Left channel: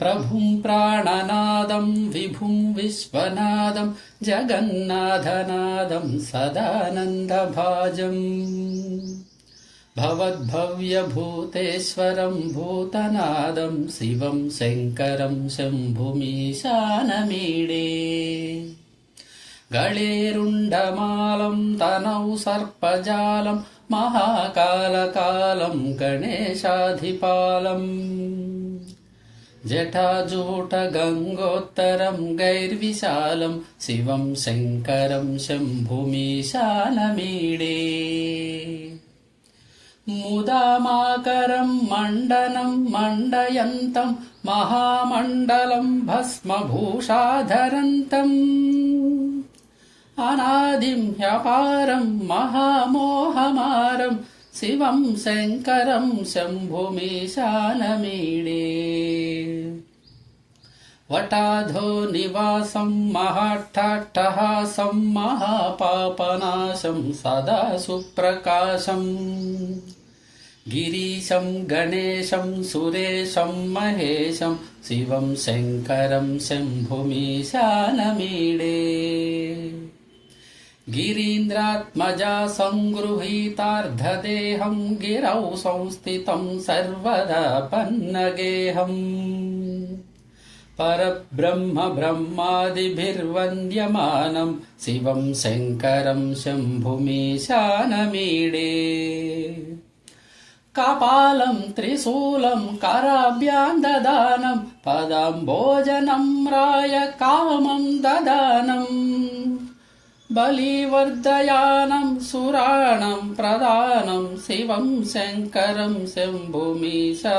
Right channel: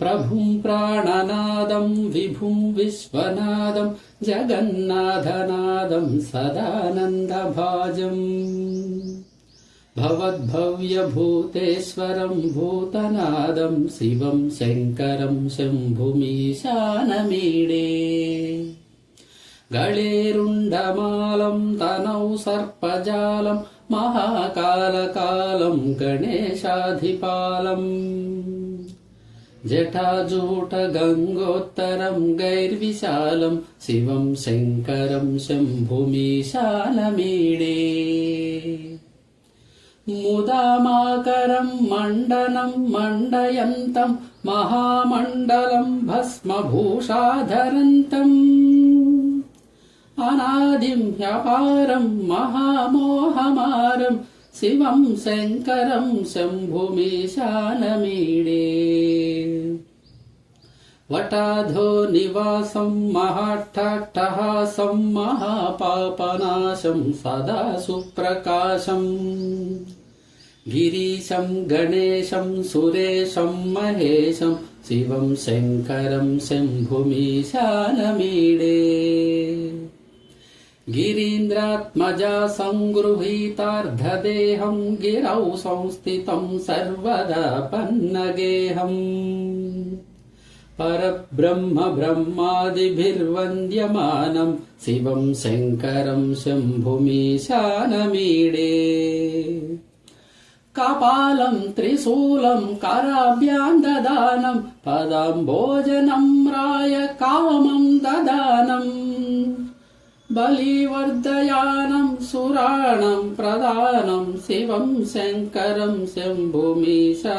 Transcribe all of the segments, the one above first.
प्रभुं प्राणनादं विभुं विश्वनादं जगन्नाथनादं सदानन्दभाजम् भवद्भव्यभूतेश्वरं भूतनादं शिवं शङ्करं शम्भुमीशानमीडे गळेरुण्डमालं तनौ सर्पजालं महाकालकालं गणेशाधिपालम् जटाजूटगङ्गोत्तरं गैर्विशालं शिवं शङ्करं शम्भुमीशानमीडे मुदामाकरं मण्डनं मण्डयन्तं महामण्डलं भस्मभूषाधरन्तम् अनादिं ह्यपारं महामोहमारं शिवं शङ्करं शम्भुमीशानमीडे वटाधो निवासं महाट्टहासं महापापनाशं सदा सुप्रकाशम् गिरीशं गणेशं सुरेशं महेशं शिवं शङ्करं शम्भुमीशानमीडे गिरीन्द्रात्मजा सङ्गृहीतार्धदेहं गिरौ संस्थितं सर्वदा पन्नगेहम् परब्रह्म ब्रह्मादिभिर्वन्द्यमानं शिवं शङ्करं शम्भुमीशानमीडे कपालं त्रिशूलं कराभ्यां ददानं पदाम्बोजनं राय कामं ददानम् बलिवर्धयानं सुराणं प्रदानं शिवं शङ्करं शम्भुमीशानमीडे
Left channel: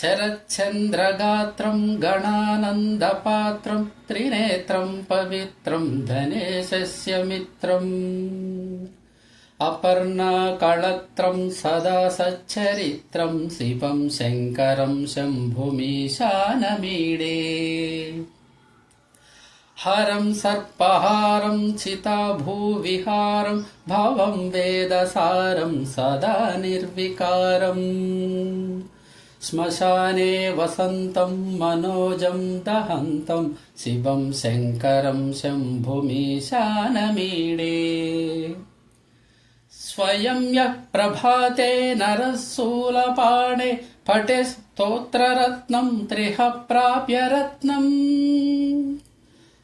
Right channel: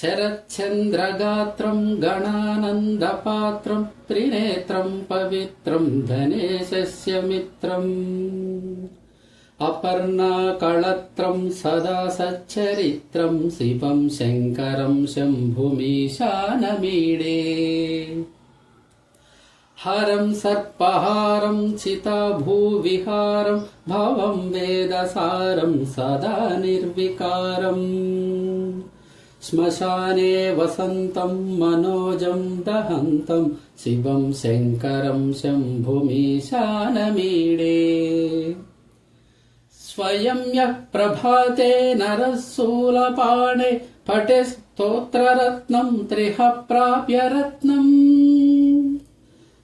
शरच्चन्द्रगात्रं गणानन्दपात्रं त्रिनेत्रं पवित्रं धनेशस्य मित्रम् अपर्णाकळत्रं सदा सच्चरित्रं शिवं शङ्करं शम्भुमीशानमीडे हरं सर्पहारं चिताभूविहारं भवं वेदसारं सदा निर्विकारम् श्मशाने वसन्तं मनोजं दहन्तं शिवं शङ्करं शम्भुमीशानमीडे स्वयं यः प्रभाते नरः शूलपाणे पठे स्तोत्ररत्नं त्रिह प्राप्य रत्नम्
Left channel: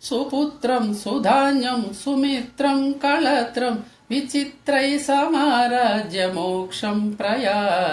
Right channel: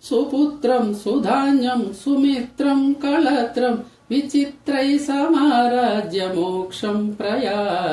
सुपुत्रं सुधान्यं सुमित्रं कळत्रं विचित्रैः समाराज्य मोक्षं प्रयाति।